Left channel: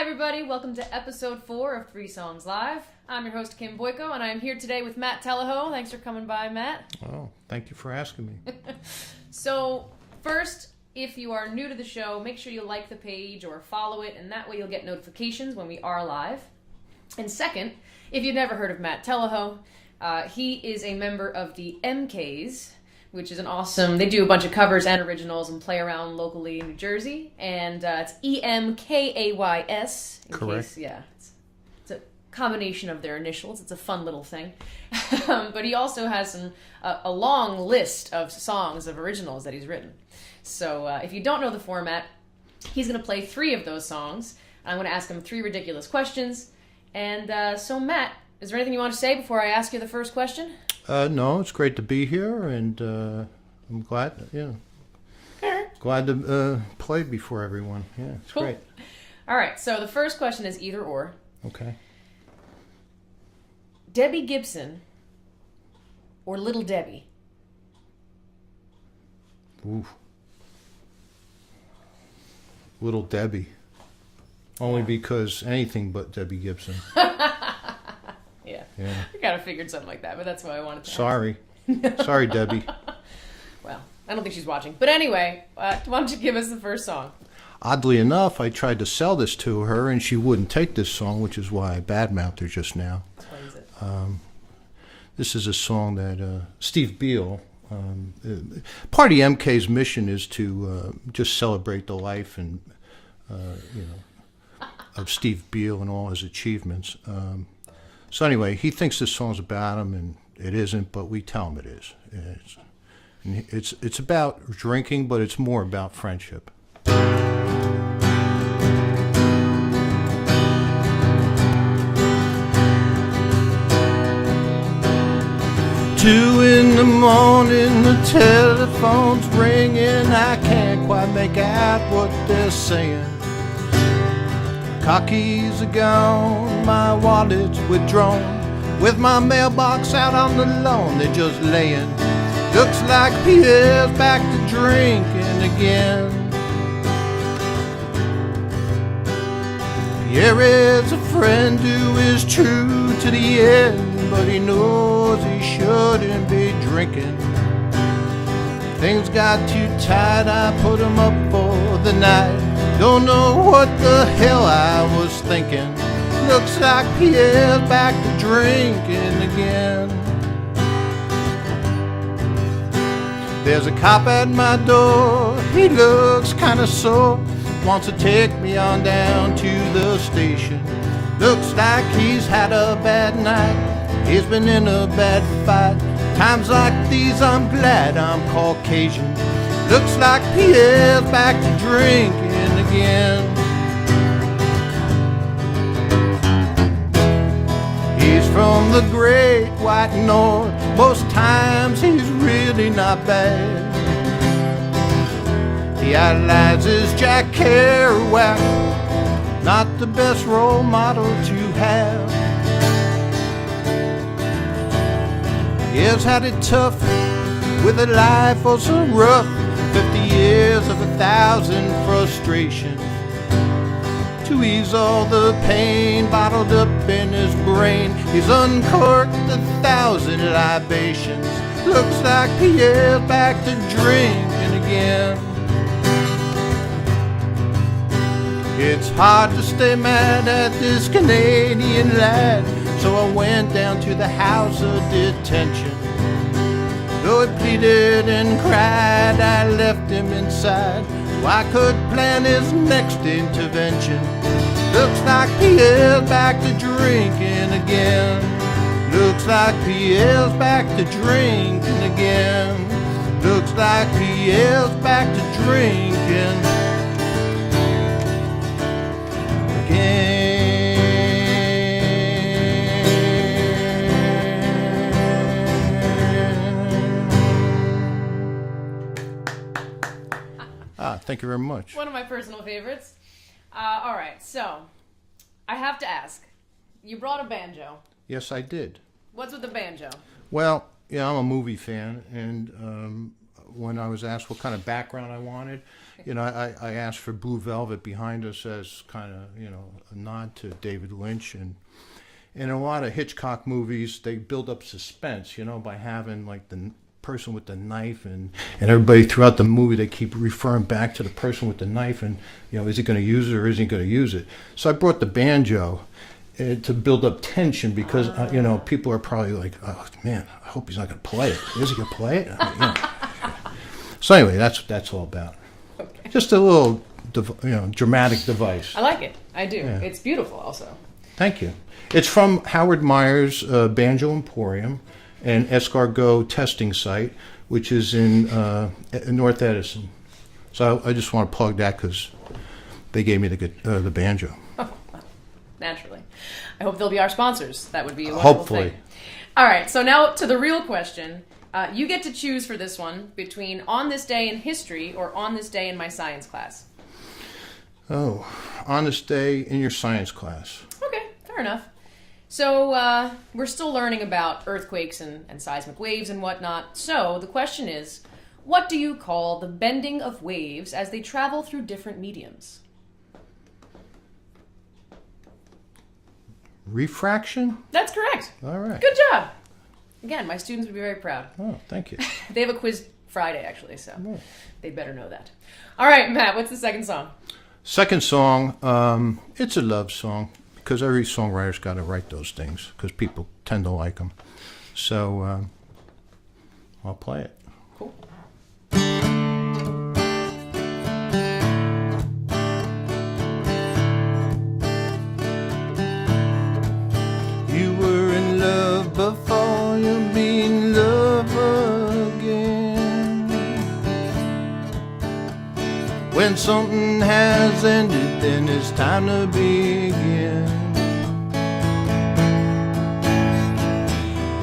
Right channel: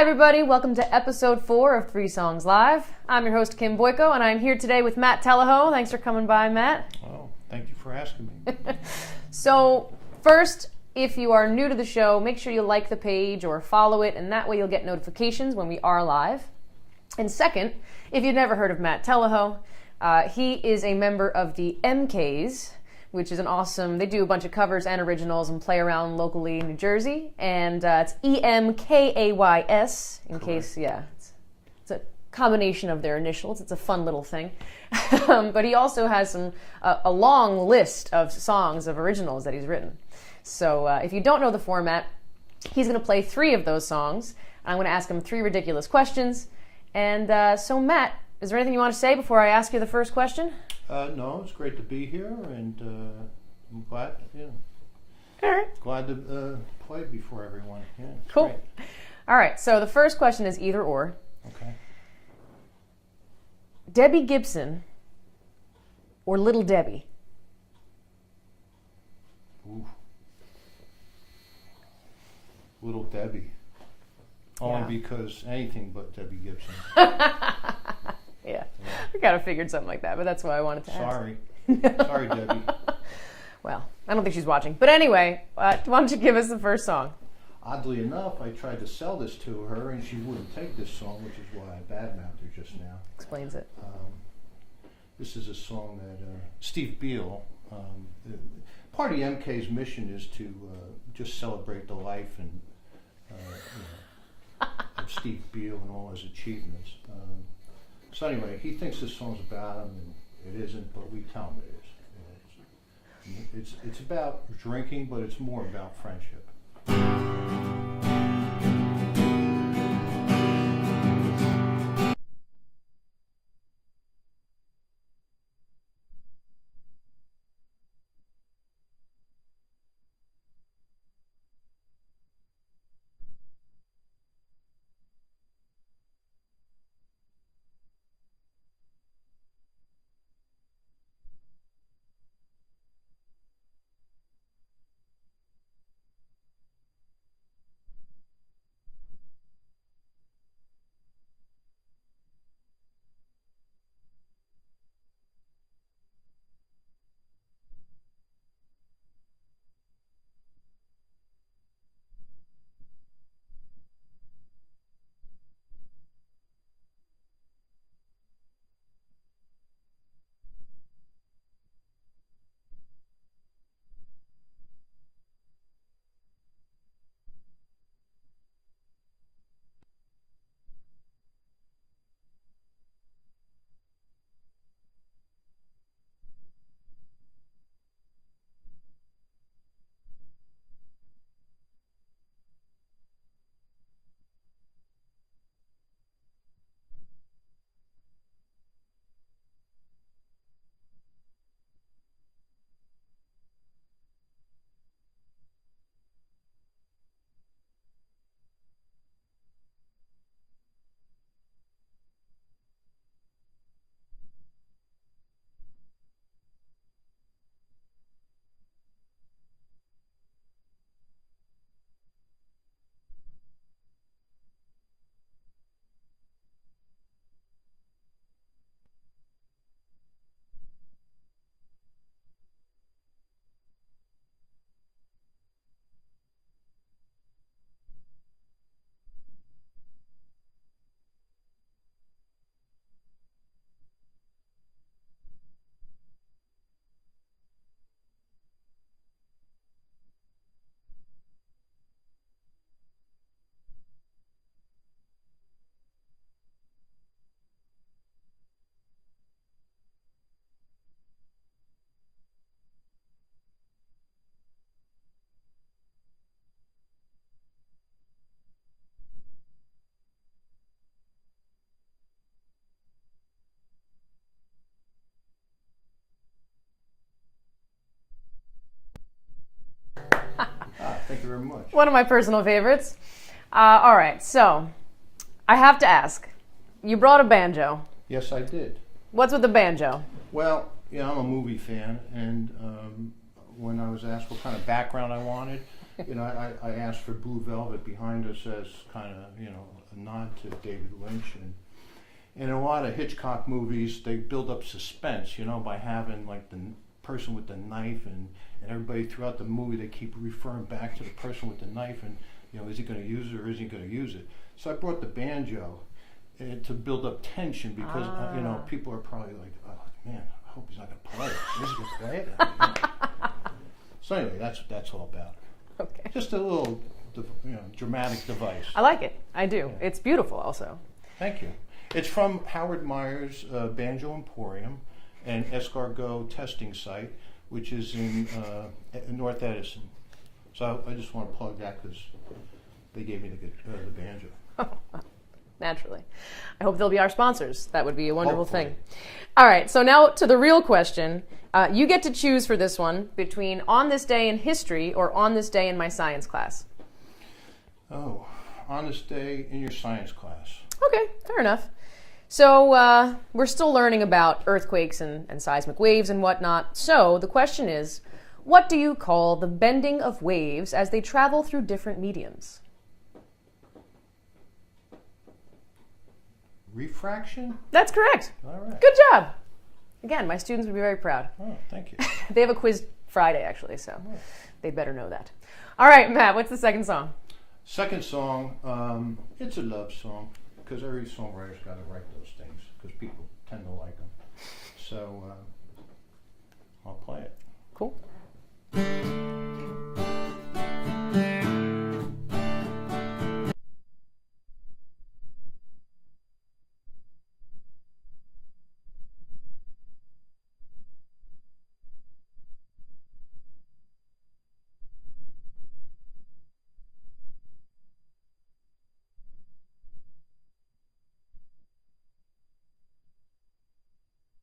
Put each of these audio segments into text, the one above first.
Hi everybody, welcome to episode 4 of 3 Songs Live. I'm your host Kim Boyko and I'm here today with Matt Telliho. Thanks for coming by, Matt. Oh, thank you for asking me. So first, if you are new to the show, make sure you like the page or follow it, and that way you'll get notifications when we are live. And second, if you've never heard of Matt Telliho, he is a member of the eMKays, which is an awesome, they do a bunch of covers and originals and play around locally in New Jersey, and it's eMKays, in Correct. case, yeah, it's a combination of their initials. It's a fun little thing. But he also has a long list of songs of originals that he's written. So if you don't know the format, he's going to play 3 of those songs. I'm going to ask him 3 ridiculous questions. And so Matt, is there anything you want to say before I ask you the first question? No, it's great to be here, and I'm glad, glad to play before everyone. Yeah, it's Cool. great. All right, so the first question is either or. Okay. Debbie Gibson or Little Debbie? Ooh. Little Debbie. Only Yeah. because anything but Debbie Gibson. Yeah. We kind of figured something like that, but that's why I wanted to Sorry. Sorry, Debbie. Well, I don't think she's watching. But anyway, why don't you give us the first song? Oddly enough, I tried to sell this to her, and she wouldn't take this song, which is why I badmouthed her just now. Explains it. This is a song that Steve Beale, part of the eMKays' mission is to just celebrate the life and of Steve Beale and all his achievements. So anyway, he thinks this song's about him, and it isn't, but we tell him it is. It's about drinking, but it's more about friendship. 2 in the morning, the telephone's ringing. I can't quite make out what they're saying. Car keys are gone, my wallet's withdrawn. With my mailbox out on the lawn, they're just laying. Looks like Pierre's back to drinking again. Pierre is a friend who is true to the end, but he knows he shouldn't be drinking. Things got too tight, I put him up for the night. Don't know what the hell I was thinking. Looks like Pierre's back to drinking again. There's a cop at my door, he looks kinda sore. Wants to take me on down to the station. Looks like he's had a bad night, he's been in a bad fight. Times like these I'm glad I'm Caucasian. Looks like Pierre's back to drinking again. He's from the great white north, most times he's really not bad. He idolizes Jack Kerouac, not the best role model to have. He has had it tough with a life oh so rough, 50 years of 1,000 frustrations. To ease all the pain bottled up in his brain, he's uncorked 1,000 libations. Looks like Pierre's back to drinking again. It's hard to stay mad at this Canadian lad, so I went down to the house of detention. Though he pleaded and cried, I left him inside so I could plan his next intervention. Looks like Pierre's back to drinking again. Looks like Pierre's back to drinking again. Looks like Pierre's back to drinking again. Thank you very much. One of my personal favorites. All right, so I have to ask. You brought a banjo. Yes, I did. What's with the banjo? Well, I'm a movie fan, and when I was asked what kind of background I wanted, You know, I asked for Blue Velvet behind us as kind of, you know, a nod to David Lynch. And in a lot of Hitchcock movies, they build up suspense, you know, by having like the person with the knife, and everybody throughout the movie, they keep referring back to the person with the knife, and, you know, is he going to use it or isn't he going to use it? So I brought the banjo to build up tension, because, you know, people are probably like, oh, man, I hope he's not going to play it. Is he going to play it? I mean, you know. So anyway, that's all about. Okay. Just a little, you know, dramatic device. I like it. I do. Yeah. It's beautiful also. Thank you. It's from Howard Meyer's Banjo Emporium, an escargot testing site, which is in North Edison. So I just want to plug that because they gave me the banjo. Naturally. I hope they'll be our sponsors. That would be a wonderful Hopefully. thing. All right, so now to the real question. You get to choose for this one between On This Day in History or On This Day in My Science Class. Oh, On This Day in your science class. Okay, fair enough. So we're still learning about earthquakes and seismic waves and whatnot. So the question is, what do you call the bending of waves as they travel through different mediums? Refraction? That's correct. All right. Good job. Again, my students would be very proud. Oh, thank you. They have a quiz Friday, actually, so they better know that. All right, Matt, what's the second song? Second song, it's a love song, because every songwriter's got to write those things, because people tend to like them. So I'll play it. Cool. You were in love before you be in love again. When something has ended, then it's time to begin.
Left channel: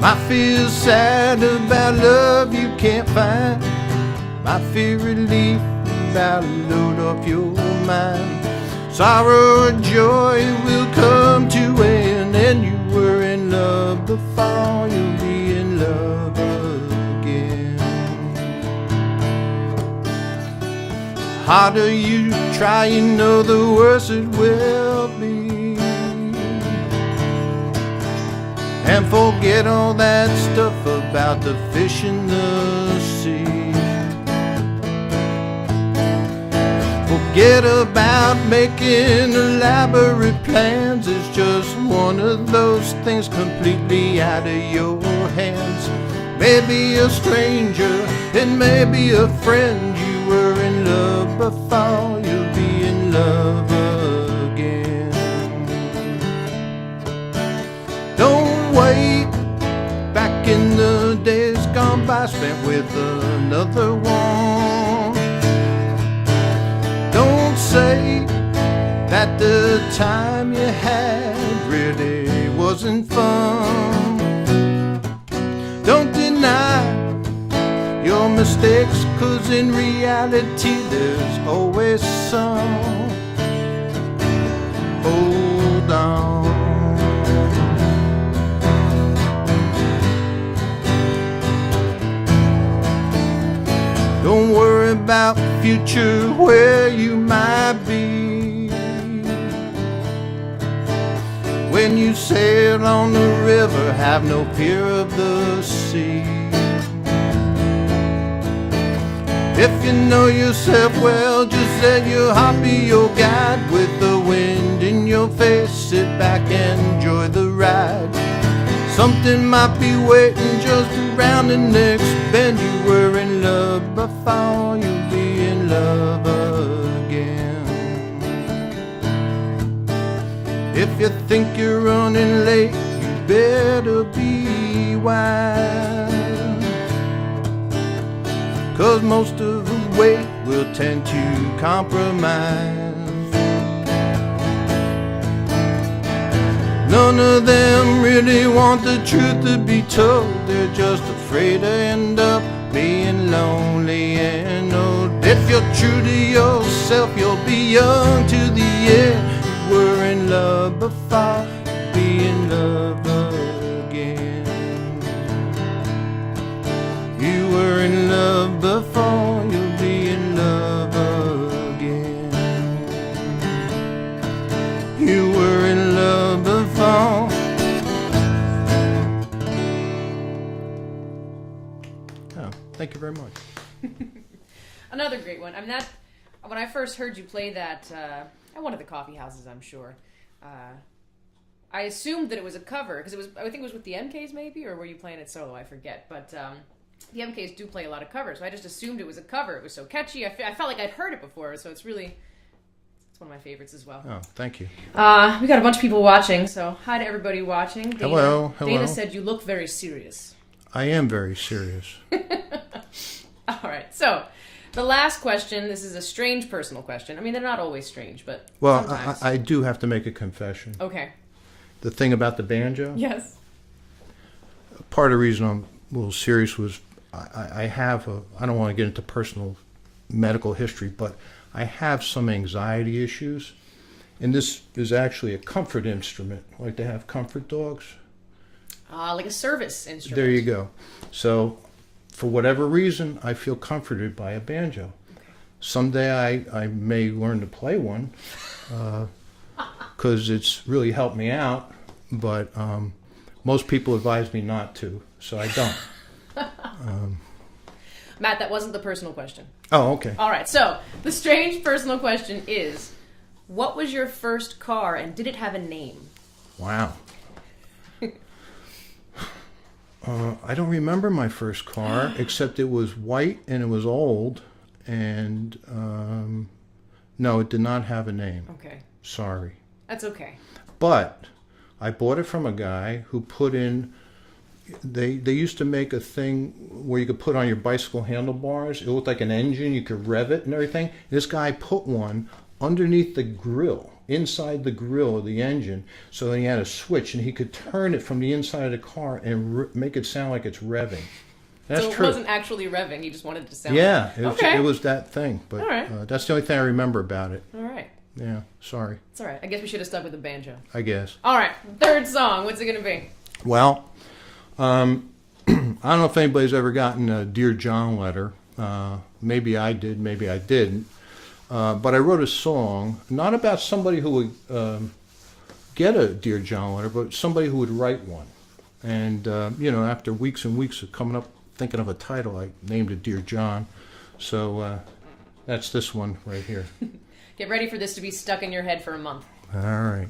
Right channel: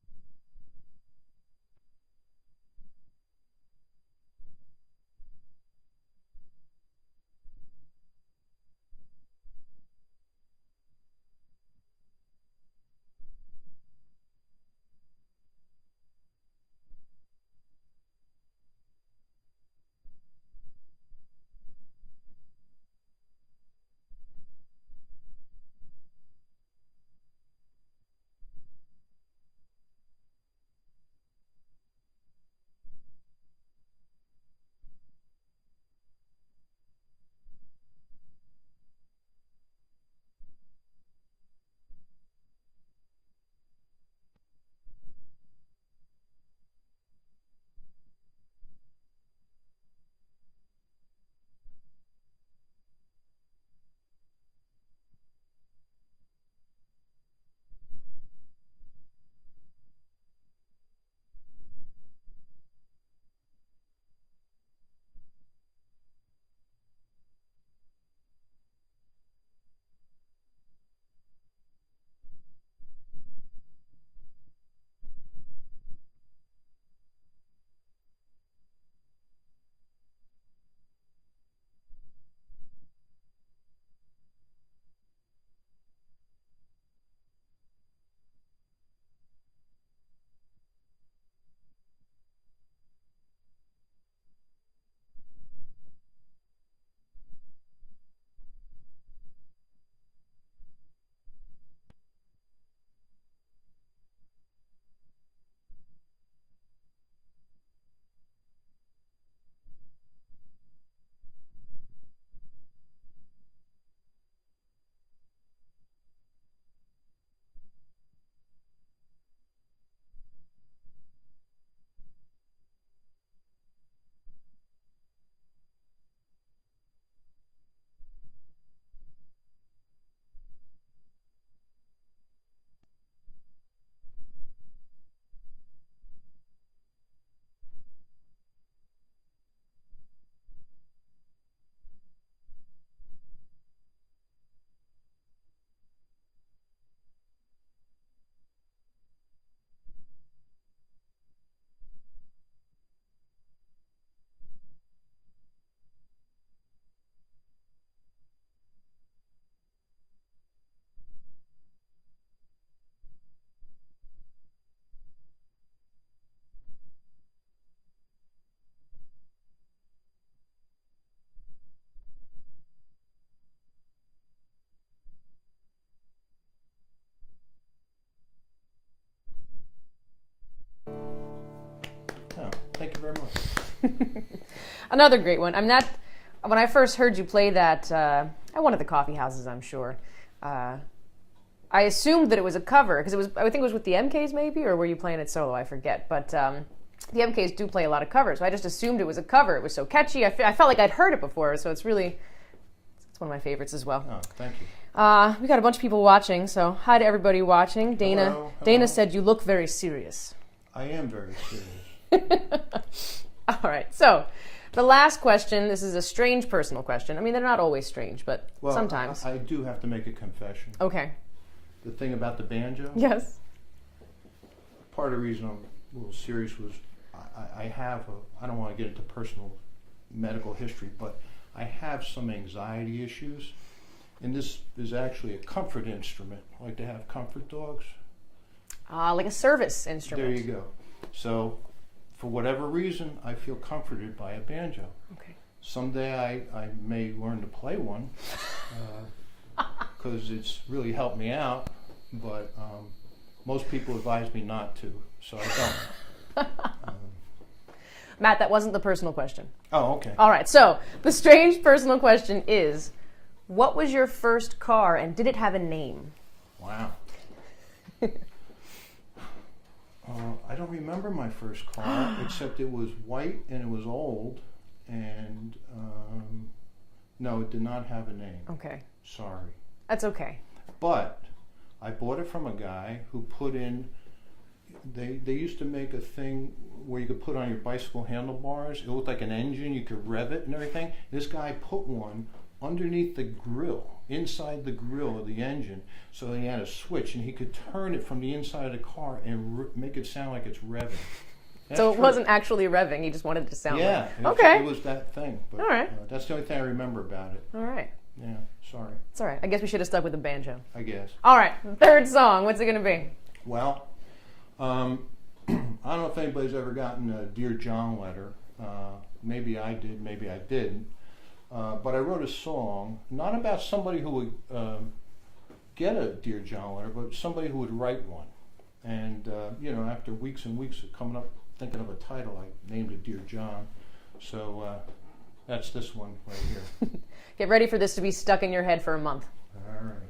Might feel sad about love you can't find. Might feel relief about a load off your mind. Sorrow or joy will come to end, and you were in love before you'll be in love again. Harder you try, you know the worse it will be. And forget all that stuff about the fish in the sea. Forget about making elaborate plans. It's just one of those things completely out of your hands. Maybe a stranger, and maybe a friend. You were in love before you'll be in love again. Don't wait. Back in the days gone by, spent with another one. Don't say that the time you had really wasn't fun. Don't deny your mistakes, 'cause in reality there's always some. Hold on. Don't worry about the future, where you might be. When you sail on the river, have no fear of the sea. If you know yourself well, just let your heart be your guide. With the wind in your face, sit back and enjoy the ride. Something might be waiting just around the next bend. You were in love before you'll be in love again. If you think you're running late, you better be wise. 'Cause most of the weight will tend to compromise. None of them really want the truth to be told. They're just afraid to end up being lonely and old. If you're true to yourself, you'll be young to the end. You were in love before, be in love again. You were in love before, you'll be in love again. thank you very much. Another great one. When I first heard you play that at one of the coffee houses, I'm sure, I assumed that it was a cover because I think it was with the eMKays maybe, or were you playing it solo? I forget. But the eMKays do play a lot of covers, so I just assumed it was a cover. It was so catchy. I felt like I'd heard it before, so it's one of my favorites as well. Oh, thank you. We got a bunch of people watching, so hi to everybody watching. Dana, hello. Dana said you look very serious. I am very serious. All right, so the last question, this is a strange personal question. I mean, they're not always strange, but sometimes. I do have to make a confession. Okay. The thing about the banjo? Yes. Part of the reason I'm a little serious was I don't want to get into personal medical history, but I have some anxiety issues. And this is actually a comfort instrument. Like they have comfort dogs. Like a service instrument. There you go. So, for whatever reason, I feel comforted by a banjo. Okay. Someday I may learn to play one because it's really helped me out, but most people advise me not to, so I don't. Matt, that wasn't the personal question. Oh, okay. All right, so the strange personal question is, what was your first car and did it have a name? Wow. I don't remember my first car, except it was white and it was old, and no, it did not have a name. Okay. Sorry. That's okay. But I bought it from a guy who put in, they used to make a thing where you could put on your bicycle handlebars. It looked like an engine, you could rev it and everything. This guy put one underneath the grill, inside the grill of the engine, so that he had a switch and he could turn it from the inside of the car and make it sound like it's revving. That's so it true. Wasn't actually revving, he just wanted it to sound yeah, like it was that thing. But all right. That's the only thing I remember about it. All right. Yeah, sorry. It's all right. I guess we should have stuck with the banjo. I guess. All right, third song. What's it going to be? Well, I don't know if anybody's ever gotten a Dear John letter. Maybe I did, maybe I didn't. But I wrote a song, not about somebody who would get a Dear John letter, but somebody who would write one. And, after weeks and weeks of coming up, thinking of a title, I named it Dear John. So that's this one right here. Get ready for this to be stuck in your head for a month. All right.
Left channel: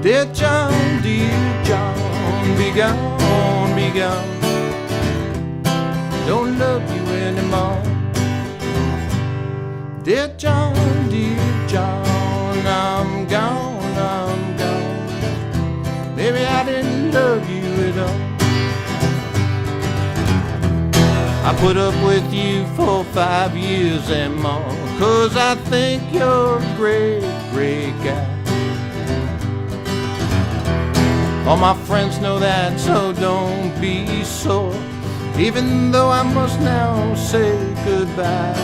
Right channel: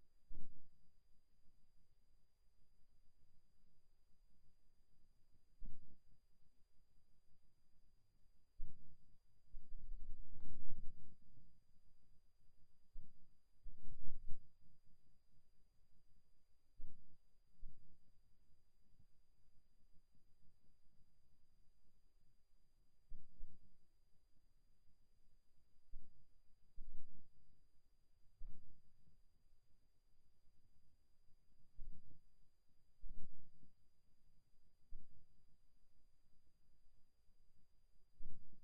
Dear John, be gone, be gone. Don't love you anymore. Dear John, I'm gone, I'm gone. Maybe I didn't love you at all. I put up with you for 5 years and more, 'cause I think you're a great, great guy. All my friends know that, so don't be sore, even though I must now say goodbye,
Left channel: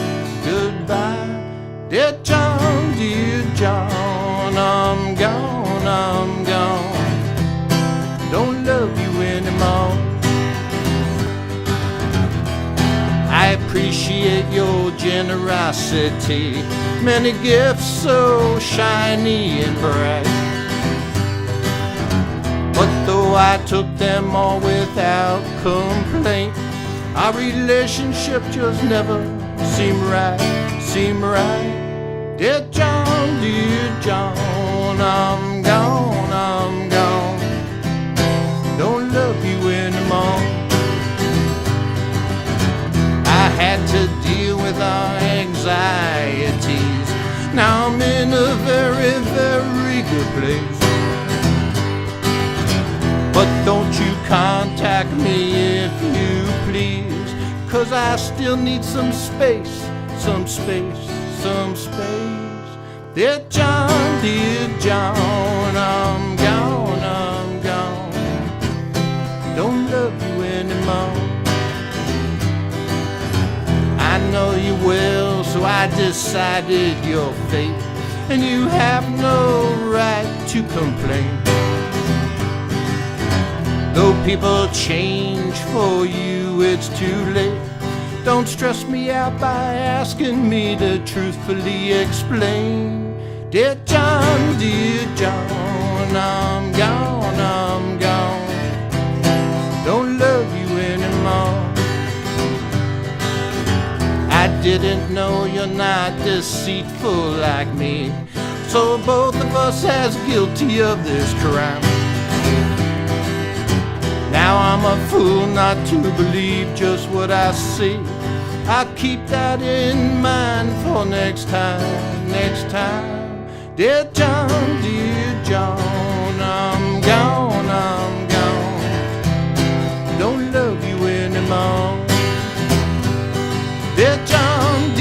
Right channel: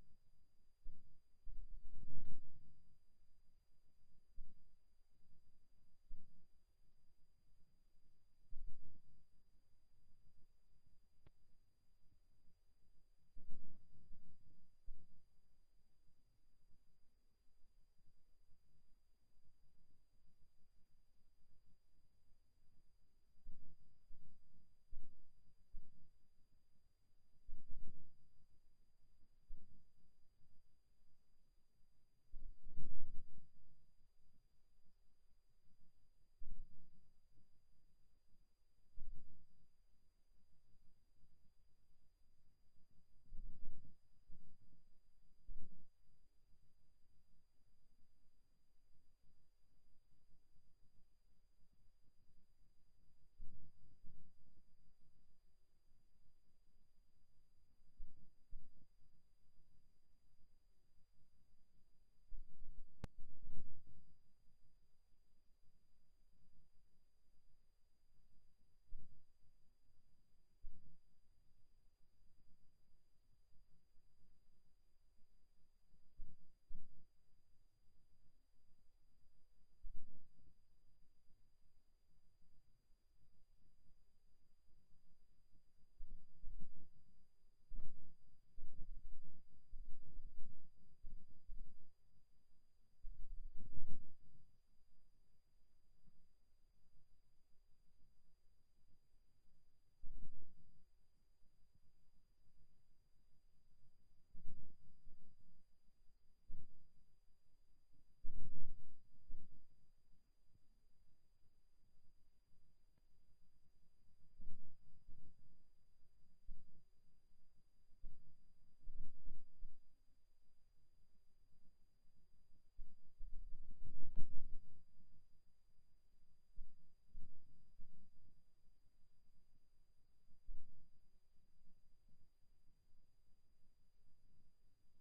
goodbye. Dear John, I'm gone, I'm gone. Don't love you anymore. I appreciate your generosity, many gifts so shiny and bright. But though I took them all without complaint, our relationship just never seemed right, seemed right. Dear John, I'm gone, I'm gone. Don't love you anymore. I had to deal with our anxieties. Now I'm in a very, very good place. But don't you contact me if you please, 'cause I still need some space, some space, some space. Dear John, I'm gone, I'm gone. Don't love you anymore. I know you will, so I decided your fate, and you have no right to complain. Though people change for you, it's too late. Don't stress me out by asking me to truthfully explain. Dear John, I'm gone, I'm gone. Don't love you anymore. I didn't know you're not deceitful like me, so both of us as guilty of this crime. Now I'm a fool not to believe just what I see. I'll keep that in mind for next time, next time. Dear John, I'm gone, I'm gone. Don't love you anymore. Dear John,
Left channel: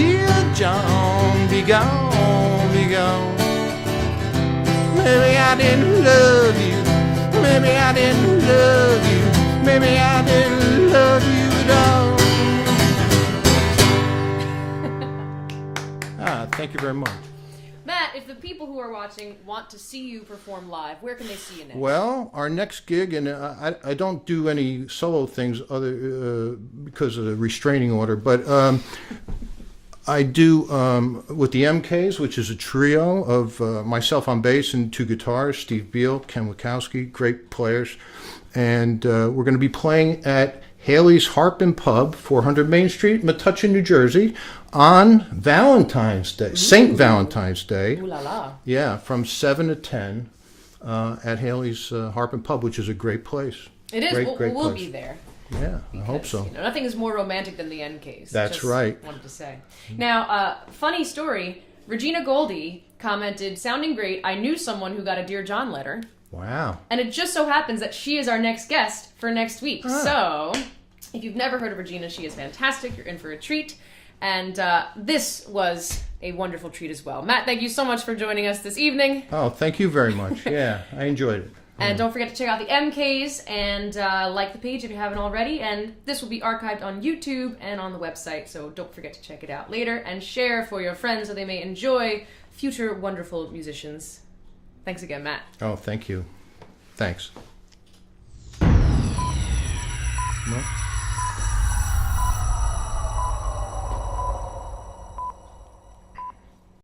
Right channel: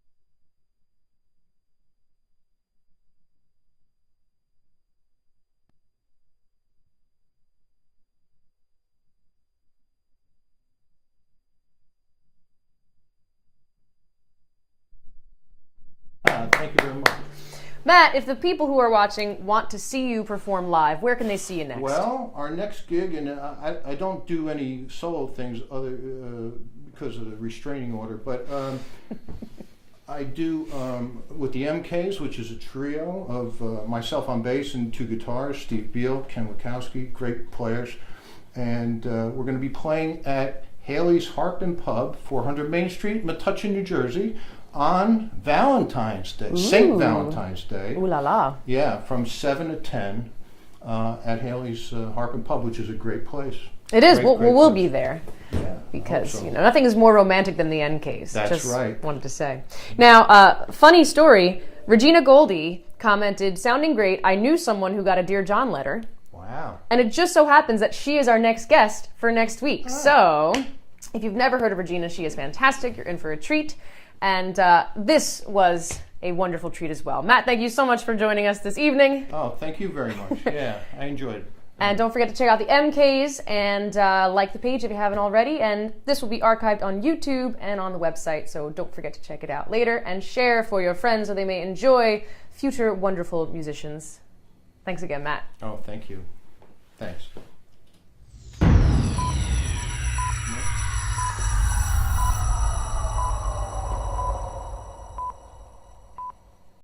be gone, be gone. Maybe I didn't love you, maybe I didn't love you, maybe I didn't love you at all. Thank you very much. Matt, if the people who are watching want to see you perform live, where can they see you next? Well, our next gig, and I don't do any solo things because of the restraining order, but I do with the eMKays, which is a trio of myself on bass and 2 guitars, Steve Beal, Ken Wachowski, great players, and we're going to be playing at Hailey's Harp and Pub, 400 Main Street, Metuchen, New Jersey, on Valentine's Day, St. Valentine's Day. Ooh la la. Yeah, from 7 to 10 at Hailey's Harp and Pub, which is a great place. It is. Great We'll place. be there. Yeah, Because I hope so. nothing is more romantic than the eMKays. That's Just right. Wanted to say. Now, funny story. Regina Goldie commented, "Sounding great. I knew someone who got a Dear John letter." Wow. And it just so happens that she is our next guest for next week. Ah. So, if you've never heard of Regina, she is fantastic. You're in for a treat. And this was a wonderful treat as well. Matt, thank you so much for joining us this evening. Oh, thank you very much. Yeah, I enjoyed it. And don't forget to check out the eMKays and like the page if you haven't already. And this will be archived on YouTube and on the website, so don't forget to check it out later and share for your friends so they may enjoy future wonderful musicians. Thanks again, Matt. Oh, thank you. Thanks. No?